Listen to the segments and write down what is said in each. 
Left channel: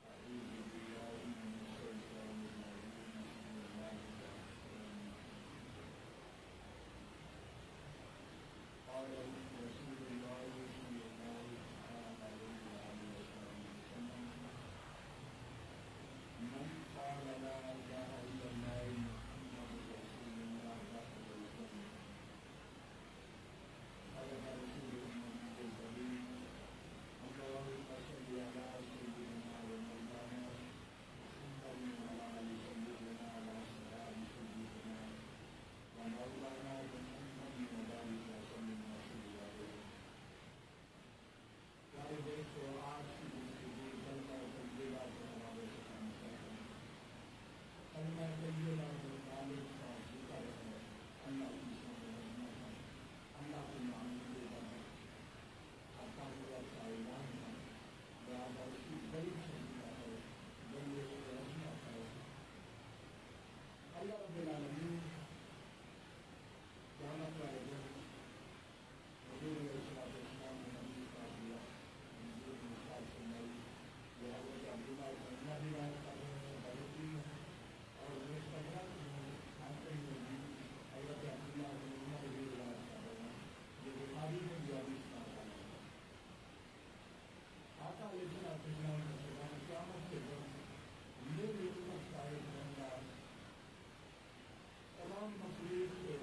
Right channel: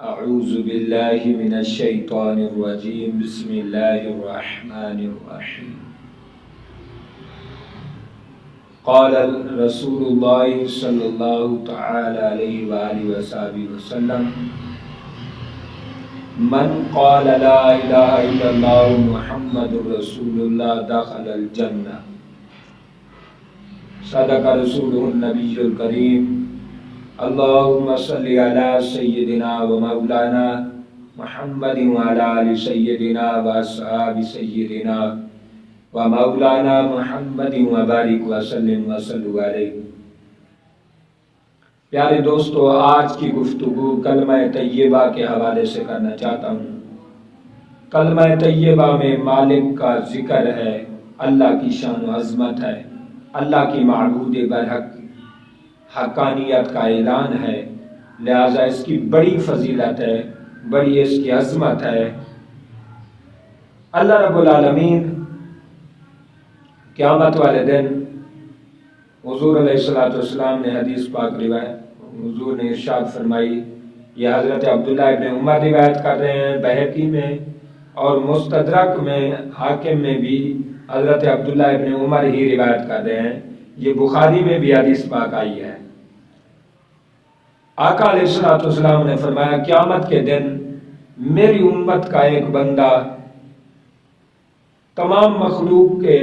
اعوذ باللہ من الشیطان الرجیم بسم اللہ الرحمن الرحیم قال رسول اللہ صلی اللہ تعالی علیہ وآلہ وصحبہ وسلم من قال لا الہ الا اللہ محمد رسول اللہ دخل الجنہ صدق رسولہ النبی الکریم اللہم صلی علی سیدنا و مولانا محمد وعلی آل سیدنا و اصحاب سیدنا و مولانا محمد وبارک وسلم وصلو علیہ۔ پیارے دوستو، آج کی گفتگو کلمہ طیبہ کے حوالے سے کرنا چاہتا ہوں۔ کلمہ طیبہ میں مالک کا ذکر ہے، اللہ کی شان و عظمت ہے، اللہ کی معبود برحق حقانیت کا اعلان ہے، لہذا اس کی بڑی فضیلت ہے، بڑی اس کی عظمت ہے۔ اللہ رب العالمین قیامت والے دن حضور علیہ السلام نے حدیث پاک روایت، حضور نے ارشاد فرمائی، یہ حضرت عبداللہ ابن عمر روایت کر رہے ہیں بہقی میں، اور مستدرک میں حاکم میں بھی حضرت عبداللہ ابن عمر ہی روایت کر رہے ہیں، یہ بخاری میں بھی حدیث پاک آئی ہے۔ آقا علیہ السلام نے فرمایا، قیامت کے دن میری امت کا ایک بندہ تمام مخلوق کے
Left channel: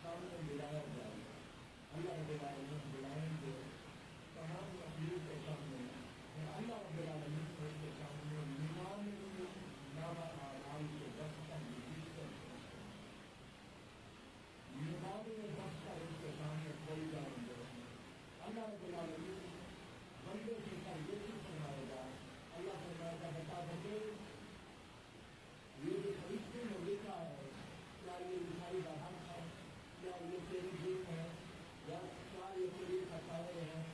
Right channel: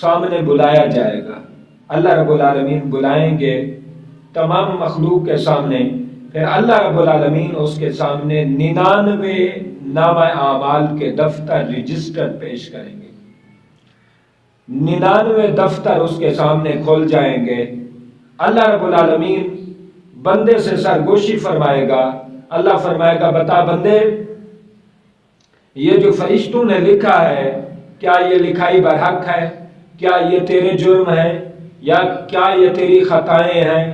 سامنے بلایا جائے گا، اللہ رب العالمین بلائیں گے تمام مخلوق کے سامنے، پھر اللہ رب العالمین اس کے سامنے 99 نامہ اعمال کے دفتر رجسٹر پیش کریں گے۔ 99 دفتر اس کے سامنے کھول جائیں گے۔ اللہ رب العالمین بندے سے سرگوشی فرمائے گا، اللہ فرمائے گا، بتا بندے، یہ جو فرشتوں نے لکھا ہے، کیا یہ لکھائی برحق ہے؟ کیا یہ تیرے جرم ہیں؟ یا کیا یہ تیری خطائیں ہیں؟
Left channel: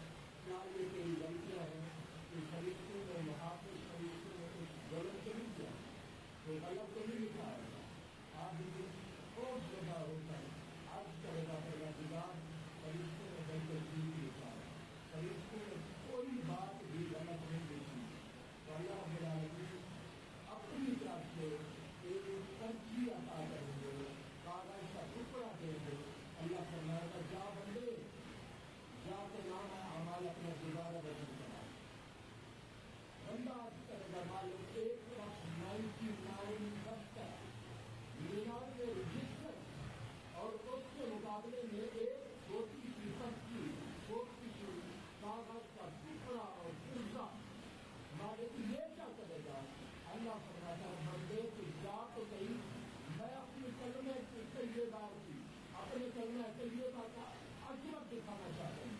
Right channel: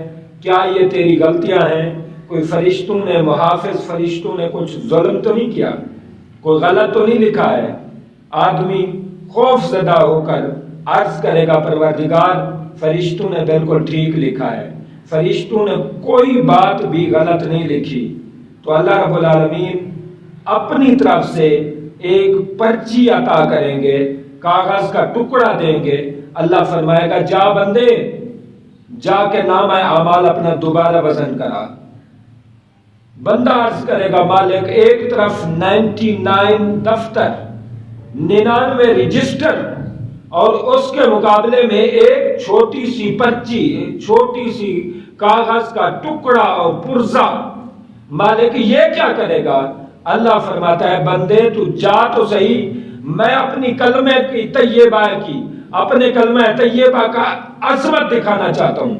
کیا یہ تیری غلطیاں ہیں؟ کوئی فرشتوں نے، محافظ فرشتوں نے کچھ ظلم تو نہیں کیا؟ کوئی غلط تو نہیں لکھا ہے؟ آدمی خوف زدہ ہو کر عرض کرے گا، پروردگار، فرشتوں نے بالکل ٹھیک لکھا ہے، فرشتوں نے کوئی بات بھی غلط نہیں لکھی۔ تو اللہ رب العالمین اپنی طرف سے ایک پرچی عطا کریں گے، کاغذ کا ٹکڑا دیں گے، اللہ فرمائے گا، جا بندے، جا کے نامہ اعمال اپنا دوبارہ وزن کرا۔ بندہ عرض کرے گا، مالک، ایک طرف 99 دفتر، 99 رجسٹر، اور اس کے مقابلے میں ایک چھوٹی سی پرچی، چھوٹی سی کاغذ کا ٹکڑا اور پرزہ، مالک یہ کیا کرے گا؟ اللہ فرماتا ہے، بندے تو جا تو صحیح، میں اپنی کلمہ کی طیبہ کی، اپنے کلمہ طیبہ کا عظمت دکھانا چاہتا ہوں،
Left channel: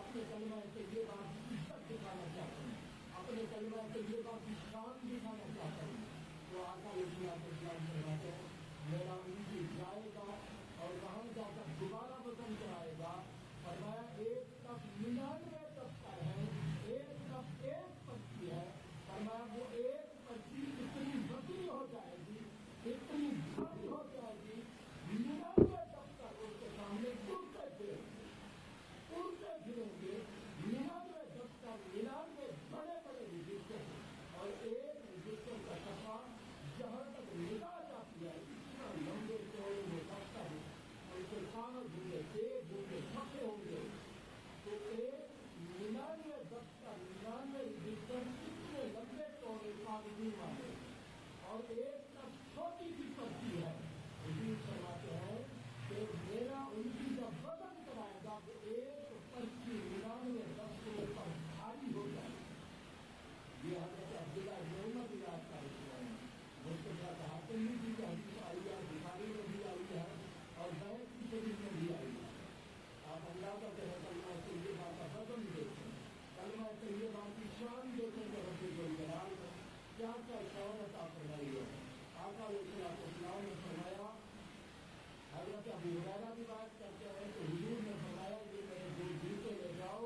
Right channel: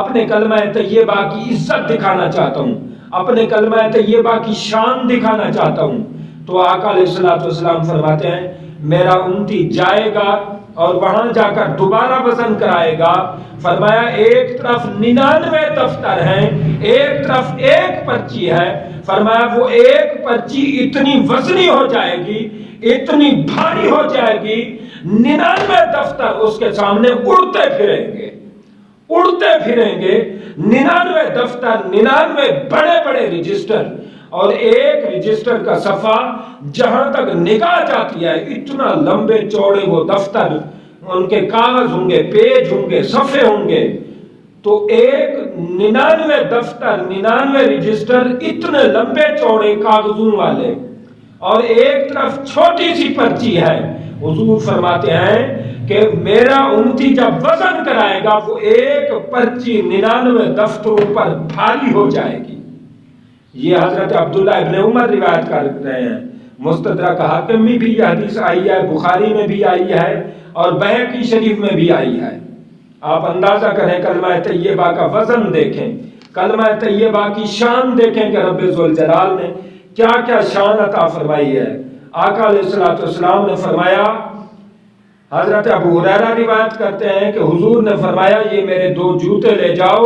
اپنے کلمہ طیبہ کی عزت دکھانا چاہتا ہوں، اپنے کلمہ طیبہ کی شان دکھانا چاہتا ہوں۔ تو آقا علیہ السلام فرماتے ہیں، میرا امتی جائے گا اور وہاں جا کر دوبارہ وزن کرائے گا، فرمایا ایک طرف 99 دفتر ہیں، ایک طرف ایک پرچی ہے، فرمایا وہ ایک پرچی اتنی وزنی ہو جائے گی، اتنی بھاری ہو جائے گی، 99 دفتر اس کے سامنے اڑتے پھریں گے، اڑتے پھریں گے، 99 دفتر، 99 بڑے بڑے رجسٹر، اور ایک رجسٹر کا صفحہ جہاں تک نگاہ جاتی ہے اتنا لمبے چوڑے وہ دفتر، ان کے کاغذ ہوں گے، پیج ہوں گے، صفحے ہوں گے۔ تو ایک 99 دفتر، 99 رجسٹر اتنے لمبے چوڑے کاغذوں والے، اور ایک طرف چھوٹی سی پرچی ہے۔ حضور فرماتے ہیں کہ میرا امتی جب وزن کرائے گا، وہ ایک پرچی 99 دفتروں پر بھاری ہو جائے گی۔ یہ حضرت عبداللہ ابن عمر روایت کر رہے ہیں، مستدرک حاکم میں بھی یہ حدیث آئی ہے، بخاری میں بھی آئی ہے، اور بہقی شریف میں بھی آئی ہے۔ آپ اندازہ کریں، کلمہ طیبہ کا وزن دیکھیں، کلمہ طیبہ کی شان دیکھیں کہ رب ذوالجلال نے کیا کیا شان عطا فرمائی ہے۔ آقا علیہ السلام نے فرمایا، حضرت ابو ہریرہ روایت کرتے ہیں کہ حضور نے فرمایا، یہ میرے 2 جوتے لے جاؤ،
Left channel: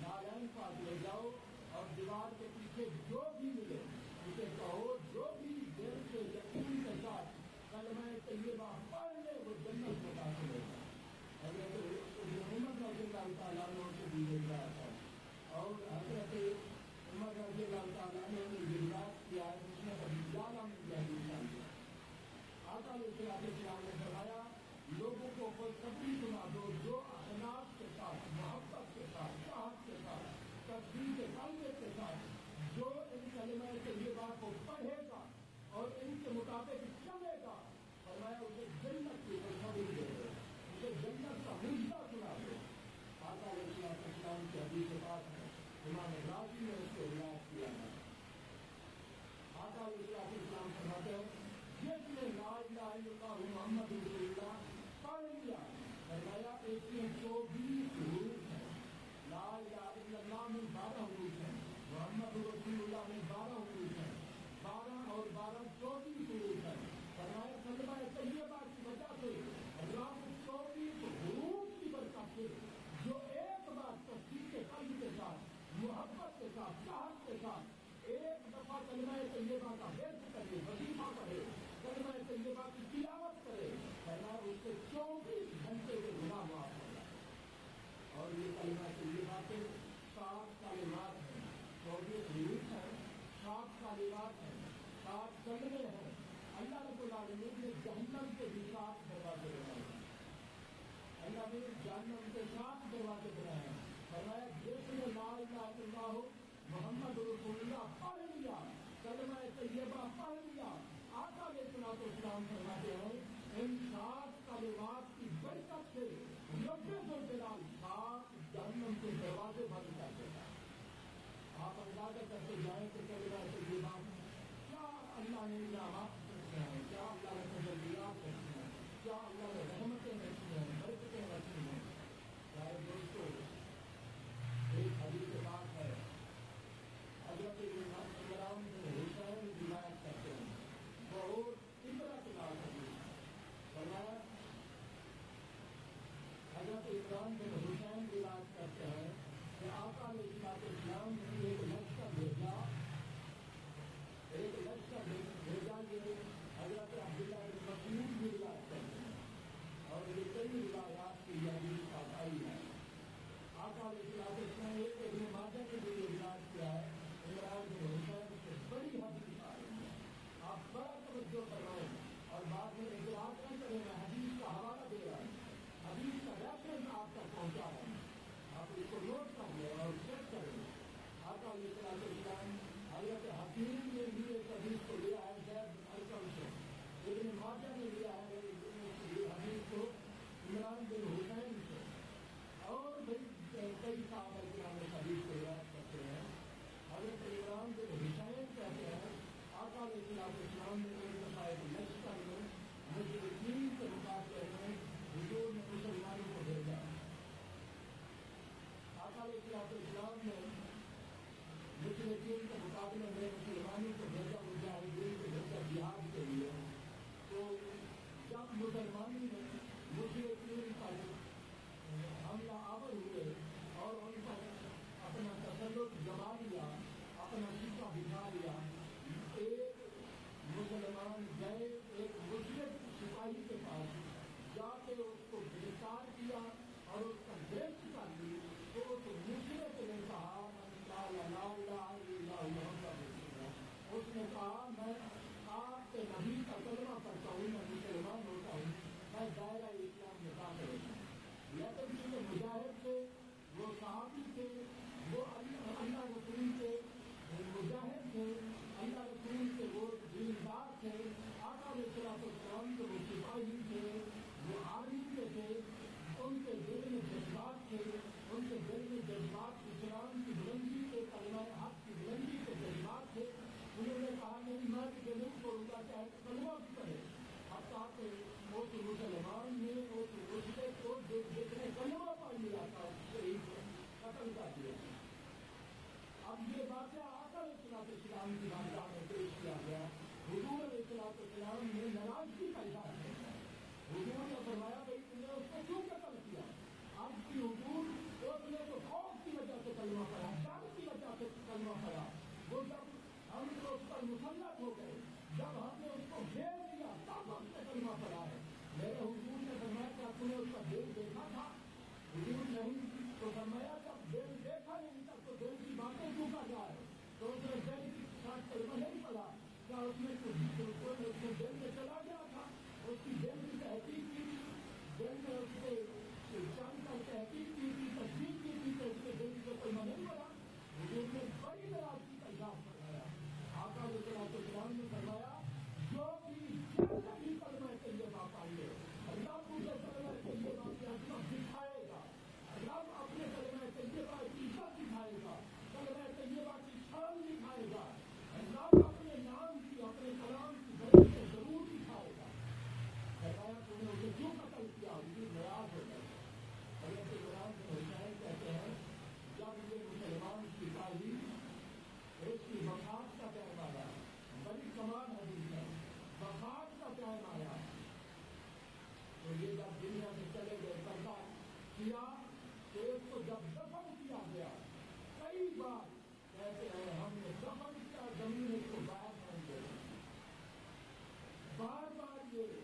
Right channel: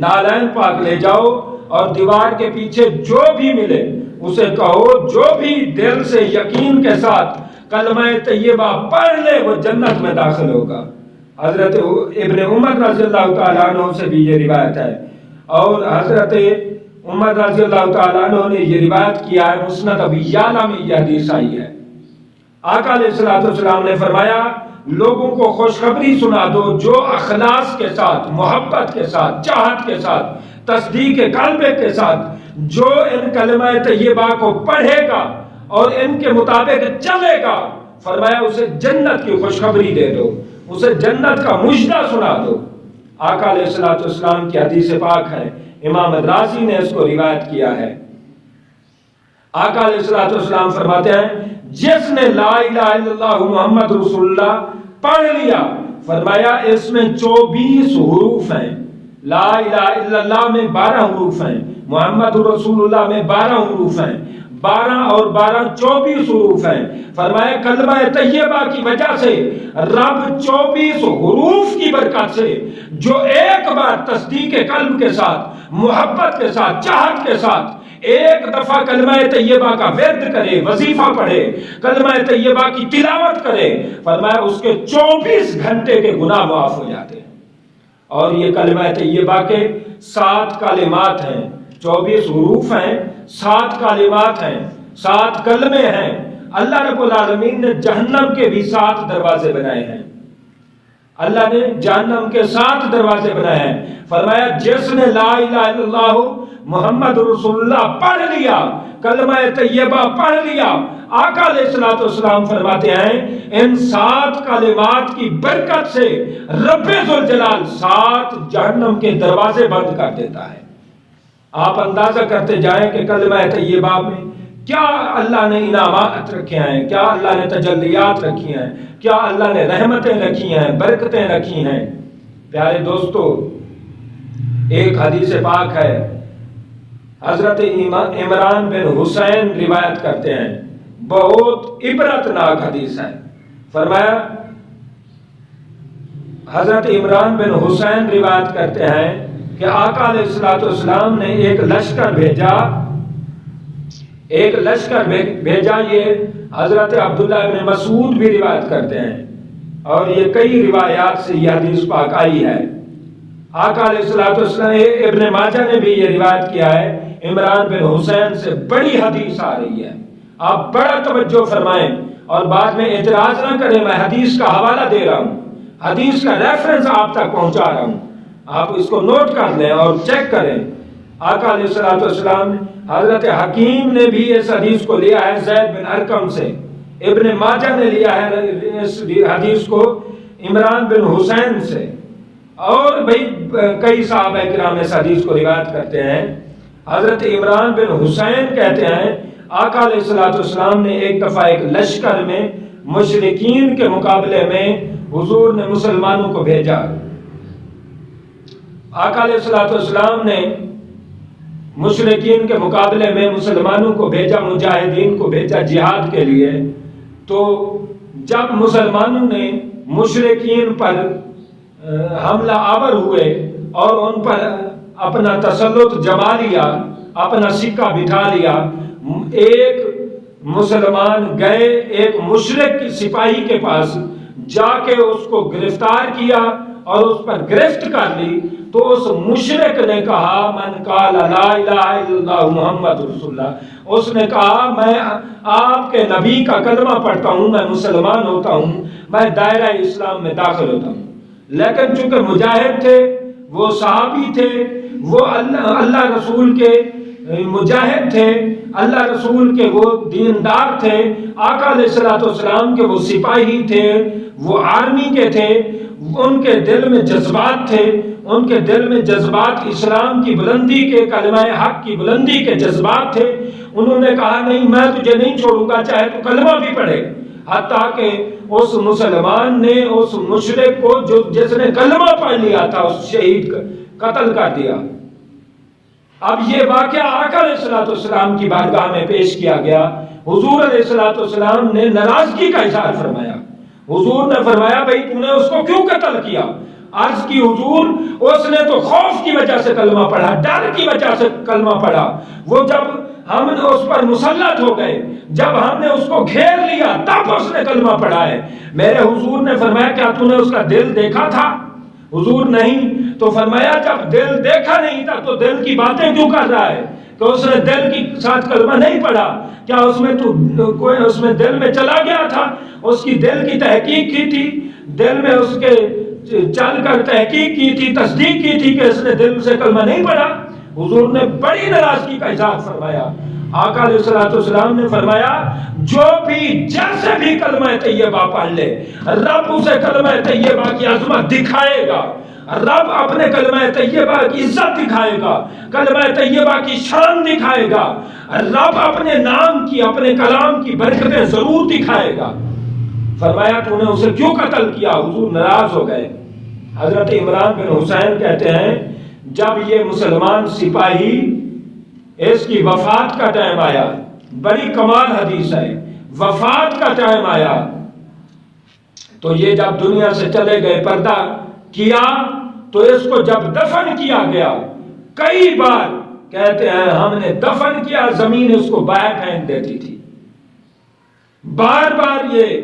نالین پاک لے جاؤ، اور دیوار کے پیچھے جو بھی ملے اسے کہو، جو بھی دل سے یقین کے ساتھ کلمہ طیبہ پڑھ لے وہ جنت میں داخل ہوگا۔ حضرت ابن عمر رضی اللہ تعالیٰ عنہ سے بھی یہ روایت ہے، اور حضرت عمر رضی اللہ تعالیٰ عنہ نے یہ روایت کیا ہے، مسند ابی یعلا میں یہ حدیث آئی ہے۔ آقا علیہ الصلوۃ والسلام نے فرمایا لوگوں کو خوشخبری سنا دو جو اخلاص کے ساتھ، محبت کے ساتھ، چاہت کے ساتھ، تصدیق قلب کے ساتھ جو ان کلمہ طیبہ کو پڑھے گا اور ان کے مطابق چلے گا، فرمایا اسے جنت کی خوشخبری دے دو، اسے جنت کا مژدہ سنا دو۔ آقا علیہ الصلوۃ والسلام کی حدیث پاک ہے، امام رازی نے اس کو روایت کیا ہے۔ آقا علیہ الصلوۃ والسلام فرماتے ہیں جس نے لا الہ الا اللہ محمد رسول اللہ پڑھ لیا، فرمایا اس میں 24 حروف ہیں، لا الہ الا اللہ میں 12 حروف ہیں، محمد رسول اللہ میں 12 حروف ہیں، 12 اور 12 24 حروف ہیں۔ فرمایا کلمہ طیبہ کی وجہ سے رب 24 حروف کی برکت سے جو ایک بار تصدیق قلب کے ساتھ، محبت کے ساتھ، چاہت کے ساتھ ایک دفعہ کلمہ طیبہ کا ورد کرے، وظیفہ پڑھے، کلمہ طیبہ کی تلاوت کرے، فرمایا اس کے 24 گھنٹے کے گناہ معاف ہو جاتے ہیں۔ اور یہ کلمہ طیبہ کے 7 کلمات ہیں، 24 حروف ہیں، 7 کلمات ہیں، 7 کلمے ہیں۔ اللہ رب العالمین نے جہنم کے بھی 7 دروازے بنائے ہیں، اللہ نے جہنم کے 7 دروازے بنائے ہیں۔ فرمایا جس نے لا الہ الا اللہ محمد رسول اللہ پڑھ لیا، کلمہ طیبہ پڑھ لیا، آقا علیہ الصلوۃ والسلام فرماتے ہیں ان 7 کلمات کی برکت سے رب ذوالجلال 7 جہنم کے دروازے بند کر دیتا ہے۔ آپ اندازہ کرتے جائیں کہ کلمہ طیبہ میں کیا اللہ نے انعامات رکھے ہیں، کیا اللہ نے تجلیات رکھی ہیں، کیا اللہ نے رحمتیں رکھی ہیں، برکتیں رکھی ہیں۔ پیارے دوستو، ایک حدیث پاک ہے، حضرت عمران بن حسین روایت کرتے ہیں، بہت عبرتناک حدیث ہے۔ فرمایا حضرت عمران بن حسین روایت کرتے ہیں کہ آقا علیہ الصلوۃ والسلام نے ایک لشکر بھیجا، یہ حضرت عبداللہ بن مسعود بھی روایت کرتے ہیں، اور یہ کئی روایات سے یہ حدیث پاک آئی ہے۔ آقا علیہ الصلوۃ والسلام، ابن ماجہ نے بھی یہ روایت کیا ہے، عمران بن حسین سے بڑی حدیث آ رہی ہے، آپ بڑا توجہ فرمائیں اور بعد میں اعتراض نہ کریں، میں حدیث کا حوالہ دے رہا ہوں، حدیث کا ریفرنس آپ تک پہنچا رہا ہوں، آپ اس کو نوٹ کر لیں اور چیک کریں۔ آقا علیہ الصلوۃ والسلام، حضرت حکیم نے بھی اس حدیث کو لیا ہے زید بن ارقم سے، ابن ماجہ نے لیا ہے اس حدیث کو عمران بن حسین سے، اور کئی صحابہ کرام اس حدیث کو روایت کرتے ہیں۔ حضرت عمران بن حسین کہتے ہیں آقا علیہ الصلوۃ والسلام نے ایک دفعہ ایک لشکر میں مشرکین کے مقابلے میں حضور نے مسلمانوں کو بھیجا۔ آقا علیہ الصلوۃ والسلام نے مشرکین کے مقابلے میں مسلمانوں کو بھیجا، مجاہدین کو بھیجا جہاد کے لیے۔ تو جب مسلمانوں نے مشرکین پر حملہ آور ہوئے اور ان پر اپنا تسلط جما لیا، اپنا سکہ بٹھا لیا، ایک مسلمان گئے ایک مشرک سپاہی کے پاس، جا کے اس کو گرفتار کیا اور اس پر گرفت کر لی، تو اس مشرک نے کہا من قال لا الہ الا اللہ محمد رسول اللہ، اس نے کہا میں آپ کے نبی کا کلمہ پڑھتا ہوں، میں مسلمان ہوتا ہوں، میں دائرہ اسلام میں داخل ہوتا ہوں۔ لیکن چونکہ مجاہد تھے، وہ صحابی تھے، وہ اللہ رسول کے مجاہد تھے، اللہ رسول کے وہ دیندار تھے، آقا علیہ الصلوۃ والسلام کے وہ سپاہی تھے، وہ آرمی کے تھے، ان کے دل میں جذبات تھے، ان کے دل میں جذبات اسلام کی بلندی کے، کلمہ حق کی بلندی کے جذبات تھے۔ انہوں نے کہا نہیں، میں تجھے نہیں چھوڑوں گا چاہے تو کلمہ بھی پڑھے، حتیٰ کہ اس مسلمان نے اس مشرک کو جس نے کلمہ پڑھ لیا تھا، اس شہید قتل کر دیا۔ اب یہ واقعہ آقا علیہ الصلوۃ والسلام کی بارگاہ میں پیش کیا گیا، حضور علیہ الصلوۃ والسلام نے ناراضگی کا اظہار فرمایا۔ حضور نے فرمایا بھئی تو نے اس کو کیوں قتل کیا؟ عرض کی حضور اس نے تو خوف کی وجہ سے کلمہ پڑھا، ڈر کی وجہ سے کلمہ پڑھا، وہ جب ہم نے اس پر مسلط ہو گئے، جب ہم نے اس کو گھیر لیا تب اس نے کلمہ پڑھا ہے۔ میرے حضور نے فرمایا کیا تو نے اس کا دل دیکھا تھا؟ حضور نہیں، تو فرمایا جب دل دیکھا نہیں تھا تو دل کی باتیں کیوں کر رہا ہے؟ کہ اس نے دل کی ساتھ کلمہ نہیں پڑھا، کیا اس میں کوئی اس میں دل میں چلا گیا تھا؟ اس کی دل کی تحقیق کی تھی، دل میں اس کے چل کر تحقیق کی تھی، تصدیق کی تھی کہ اس نے دل سے کلمہ نہیں پڑھا؟ حضور نے بڑی ناراضگی کا اظہار فرمایا۔ آقا علیہ الصلوۃ والسلام نے فرمایا جو بھی جیسے بھی کلمہ طیبہ پڑھ لے، رب اسے کلمہ طیبہ کی عظمت دکھائے گا، رب اپنے کلمہ طیبہ کی عزت دکھائے گا، کلمہ طیبہ کی شان دکھائے گا، رب اپنے نام کی، اپنے کلام کی برکتیں ضرور دکھائے گا۔ فرمایا تو نے اسے کیوں قتل کیا؟ حضور ناراض ہو گئے۔ حضرت عمران بن حسین کہتے ہیں جب یہ مسلمان سپاہی اس کی وفات کا ٹائم آیا، بڑی کمال حدیث ہے، وفات کا ٹائم آیا تو یہ جب دنیا سے چلے گئے، پردہ کیا، تو اس کو جب دفن کیا گیا، کئی بار کہتے ہیں ہم نے دفن کیا، زمین اس کو باہر پھینک دیتی تھی، بار بار یہ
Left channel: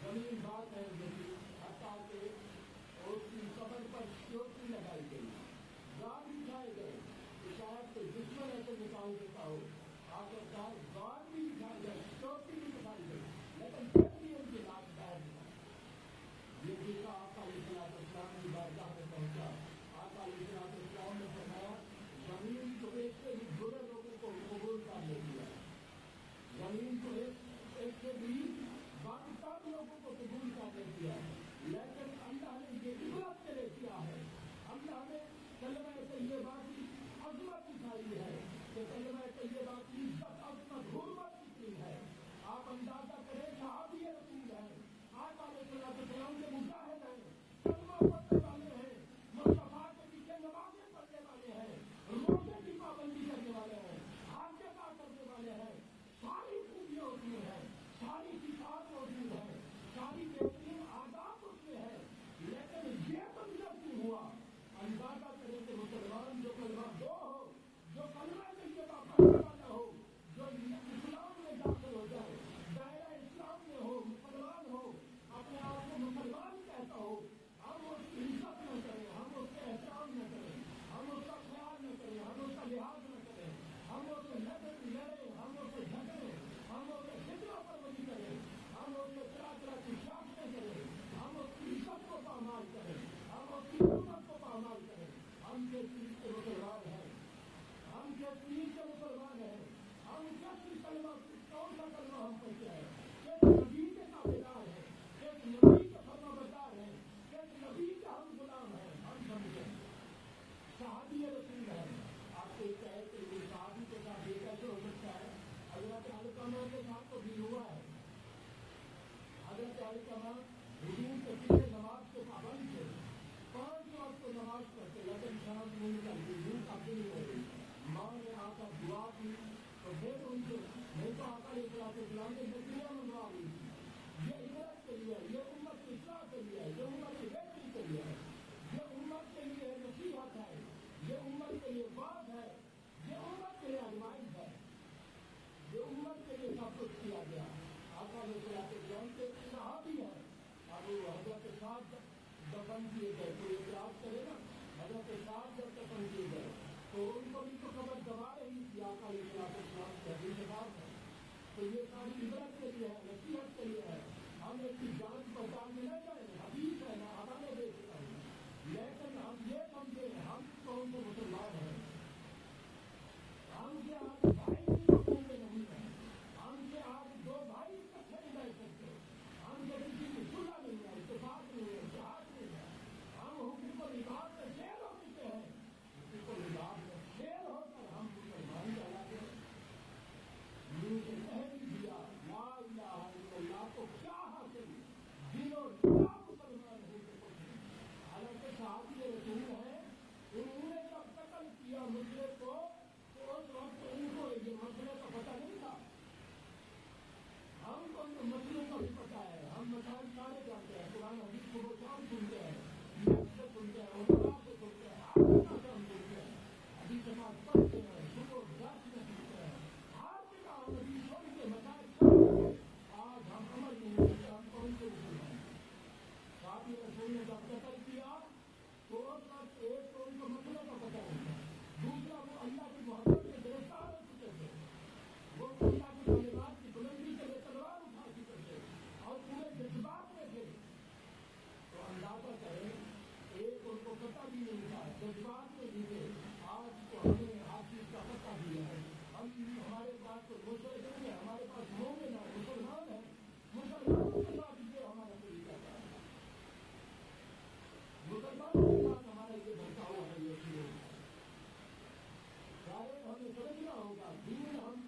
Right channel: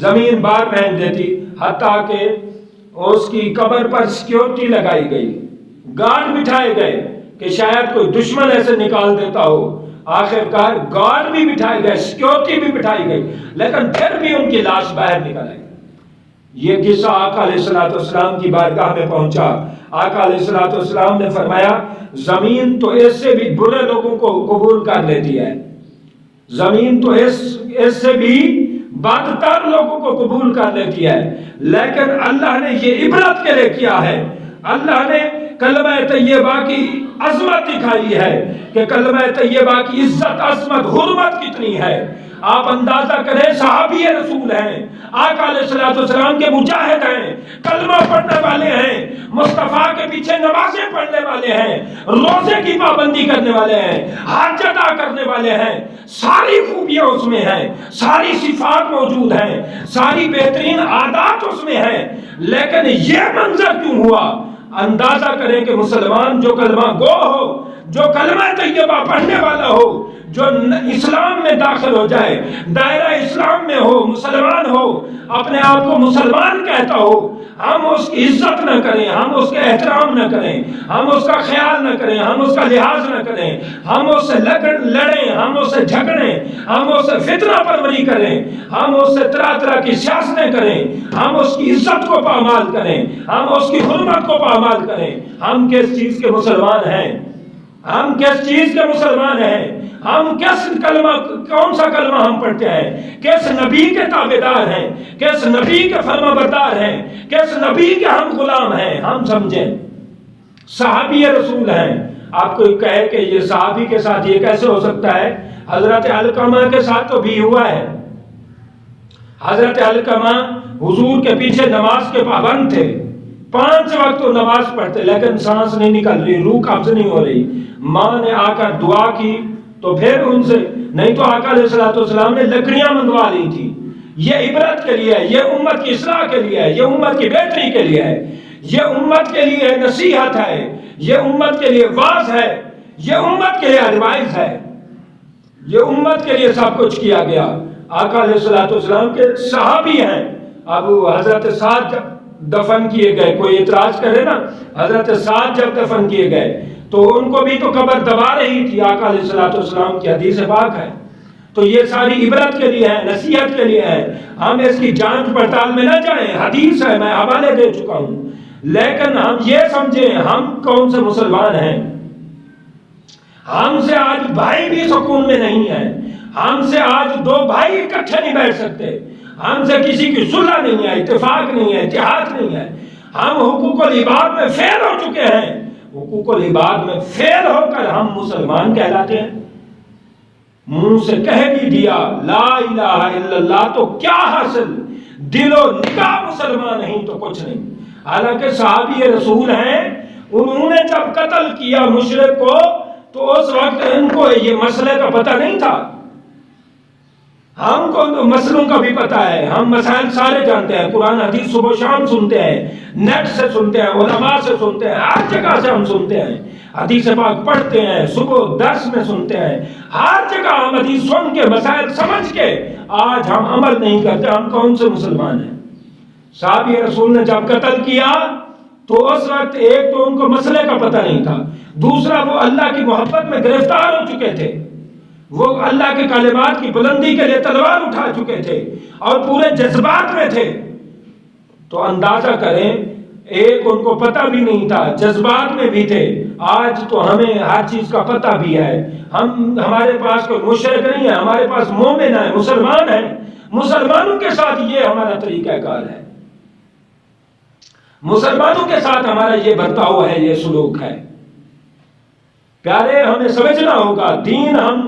زمین باہر پھینک دیتی، حتیٰ کہ اس کی قبر پر سیکیورٹی لگائی گئی، گارڈ بٹھائے گئے کہ شاید کوئی دشمن ایسے نکال دیتا ہو، آخر کار گارڈ بھی بٹھائے گئے، سیکیورٹی بھی بٹھائی گئی، لیکن پھر بھی ان کی لاش باہر نکل آئی۔ یہ قصہ آقا علیہ الصلوۃ والسلام کی بارگاہ میں پہنچا۔ آقا علیہ الصلوۃ والسلام نے فرمایا زمین تو اس سے بھی برے لوگوں کو قبول کر لیتی ہے، زمین تو اس سے بھی بدتر لوگوں کو قبول کر لیتی ہے، لیکن اللہ نے یہ عبرت کے لیے کیا ہے، اللہ نے کلمہ طیبہ کی عظمت دکھائی ہے کہ کلمہ طیبہ کی عزت، عظمت، حرمت کتنی ہے۔ آپ اندازہ کریں صحابی رسول ہیں، آقا علیہ الصلوۃ والسلام کے مجاہد ہیں، کلمہ پڑھنے والے ہیں، مصطفیٰ کے پیچھے نمازیں پڑھنے والے ہیں، روزے کی پابندی کرنے والے ہیں، حج ادا کرنے والے ہیں، ساری خوبیاں اس میں ہیں، ساری صفات موجود ہیں، ساری بہترین عادات اس میں ہیں، لیکن یہ منظر کیوں ہوا؟ اندازہ کریں کہ مسلمان جو کلمہ گو ہو، جو کلمہ طیبہ پڑھنے والا ہو، جو اسلام میں داخل ہو جائے، دائرہ اسلام میں ہو، مسلمان ہو، اپنے آپ کو مسلمان کہتا ہو، ہم اس کی عزت نہ کریں، ہم اس کے احترام نہ کریں، ہم اس کا خیال نہ کریں، ہم اس کا لحاظ نہ کریں، ہم اس سے لڑیں، ہم اس سے جھگڑیں، ہم اس سے فتنہ پروری کریں، ہم اس سے طرح طرح کی سیاستیں کریں، ہم اس کی عزت کو پامال کریں، ہم اس کی حرمت کو پامال کریں، ہم کس چیز کے مسلمان ہیں؟ ہم کس چیز کے مسلمان ہیں؟ ہم کس کلمہ، کون سا کلمہ ہم پڑھتے ہیں؟ کس نبی کے تابعدار ہیں؟ کس نبی کے فرما بردار ہیں؟ کس نبی کے ہم غلام ہیں؟ ہم سمجھیں صحابی رسول ہیں۔ آپ کوئی کہے کہ یہ صحابی کے ساتھ یہ کیسے ہو سکتا ہے؟ حضرت علقمہ کے ساتھ تو بھی ہوا ہے۔ حضرت علقمہ حضور کے پیچھے نماز کے پابند تھے، 5 وقت تو نماز پڑھتے، لیکن سانس نہیں نکل رہی، روح قبض نہیں ہو رہی، ماں نے آ کر دعا کی تو پھر ان سے، نہیں تو آقا علیہ الصلوۃ والسلام نے لکڑیاں منگوا لی تھی۔ یہ عبرت کے لیے ہے، یہ امت کی اصلاح کے لیے ہے، یہ امت کی بہتری کے لیے ہے، یہ امت کے لیے نصیحت ہے، یہ امت کے لیے واعظ ہے، یہ امت کے لیے ایڈوائز ہے، یہ امت کے لیے سب کچھ کیا گیا۔ آقا علیہ الصلوۃ والسلام کے صحابی ہیں۔ اب حضرت سعد جب دفن کیے گئے، کوئی اعتراض کرے نا، حضرت سعد جب دفن کیے گئے تو ان کو بھی تو قبر دبا رہی تھی، آقا علیہ الصلوۃ والسلام کی حدیث پاک ہے۔ تو یہ ساری عبرت کے لیے ہے، نصیحت کے لیے ہے، ہم اس کی جانچ پڑتال میں نہ جائیں، حدیث ہے، میں حوالے دے چکا ہوں، لیکن ہم یہ سمجھیں ہم کون سے مسلمان ہیں۔ ہم سے آج بھائی بھی سکون میں نہیں ہیں، ہم سے آج 2 بھائی اکٹھے نہیں بیٹھ سکتے، ہم سے کسی کی صلح نہیں ہے، اتفاق نہیں ہے، اتحاد نہیں ہے، ہم حقوق العباد میں فیل ہو چکے ہیں، حقوق العباد میں فیل ہو کر ہم مسلمان کہلاتے ہیں۔ منہ سے کہہ بھی دیا لا الہ الا اللہ تو کیا حاصل، دل و نگاہ مسلمان نہیں تو کچھ نہیں۔ حالانکہ صحابی رسول ہیں، انہوں نے جب قتل کیا مشرک کو تو اس وقت ان کو یہ مسئلے کا پتہ نہیں تھا، ہم کو مسئلوں کا بھی پتہ ہے، ہم مسائل سارے جانتے ہیں، قرآن حدیث صبح و شام سنتے ہیں، نیٹ سے سنتے ہیں، علماء سے سنتے ہیں، ہر جگہ سے ہم سنتے ہیں، حدیث پاک پڑھتے ہیں، صبح درس میں سنتے ہیں، ہر جگہ ہم حدیث سن کے مسائل سمجھ کے آج ہم عمل نہیں کرتے، ہم کون سے مسلمان ہیں؟ صحابی رسول نے جب قتل کیا تو اس وقت ایک تو ان کو مسئلے کا پتہ نہیں تھا، دوسرا وہ اللہ کی محبت میں گرفتار ہو چکے تھے، وہ اللہ کے کلمات کی بلندی کے لیے تلوار اٹھا چکے تھے اور پورے جذبات میں تھے۔ تو اندازہ کریں، ایک ان کو پتہ بھی نہیں تھا، جذبات میں بھی تھے۔ آج تو ہمیں ہر چیز کا پتہ بھی ہے، ہمارے پاس کوئی مشرک نہیں ہے، ہمارے پاس مومن ہے، مسلمان ہے، مسلمانوں کے ساتھ یہ ہمارا طریقہ کار ہے، مسلمانوں کے ساتھ ہمارا یہ برتاؤ ہے، یہ سلوک ہے۔ پیارے، ہمیں سمجھنا ہوگا ہم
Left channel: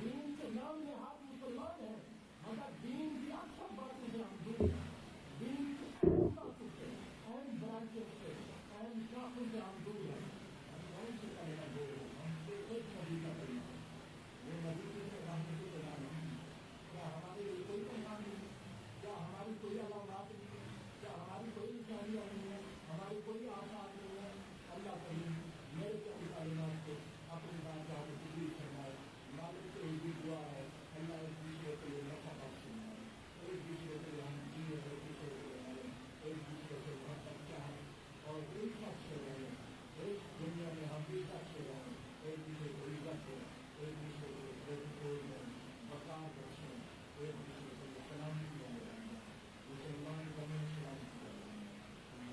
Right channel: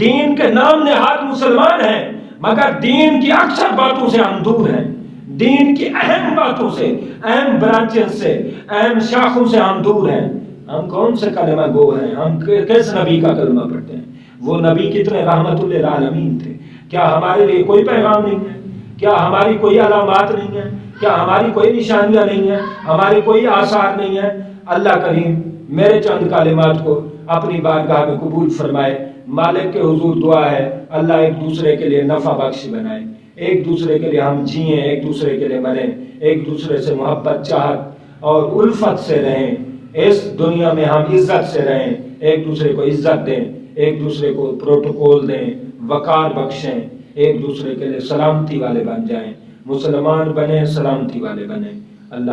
دین کے نام نہاد مسلمان ہیں، مگر دین کی اکثر باتوں سے ہم دور ہیں، دین کی اہم باتوں سے، اہم برانچز سے، اہم شاخوں سے ہم دور ہیں۔ ہم کون سے کلمہ گو ہیں؟ ہم کس نبی کا کلمہ پڑھتے ہیں؟ وہ نبی کتنے رحمت للعالمین تھے، کیا ہمارے لیے کوئی پیغام نہیں ہے؟ کیا ہماری کوئی علامات نہیں ہیں؟ کیا ہماری کوئی نشانیاں نہیں ہیں؟ ہماری کوئی آثار نہیں ہیں؟ اللہ کریم میرے چند کلمات کو اپنی بارگاہ میں قبول فرمائے۔ مالک کے حضور دعا ہے اللہ ایک دوسرے کے لیے نفع بخش بنائے، ایک دوسرے کے لیے ہم جئیں، ایک دوسرے کے لیے مریں، ایک دوسرے سے محبت، چاہت اور الفت سے رہیں، اس دنیا میں ہم عزت سے رہیں، ایک دوسرے کو عزت دیں، ایک دوسرے کو پروٹوکول دیں، وقار بخشیں، ایک دوسرے کے لیے سلامتی والے بن جائیں، مسلمان بنیں، سلامتی والے بنیں۔ اللہ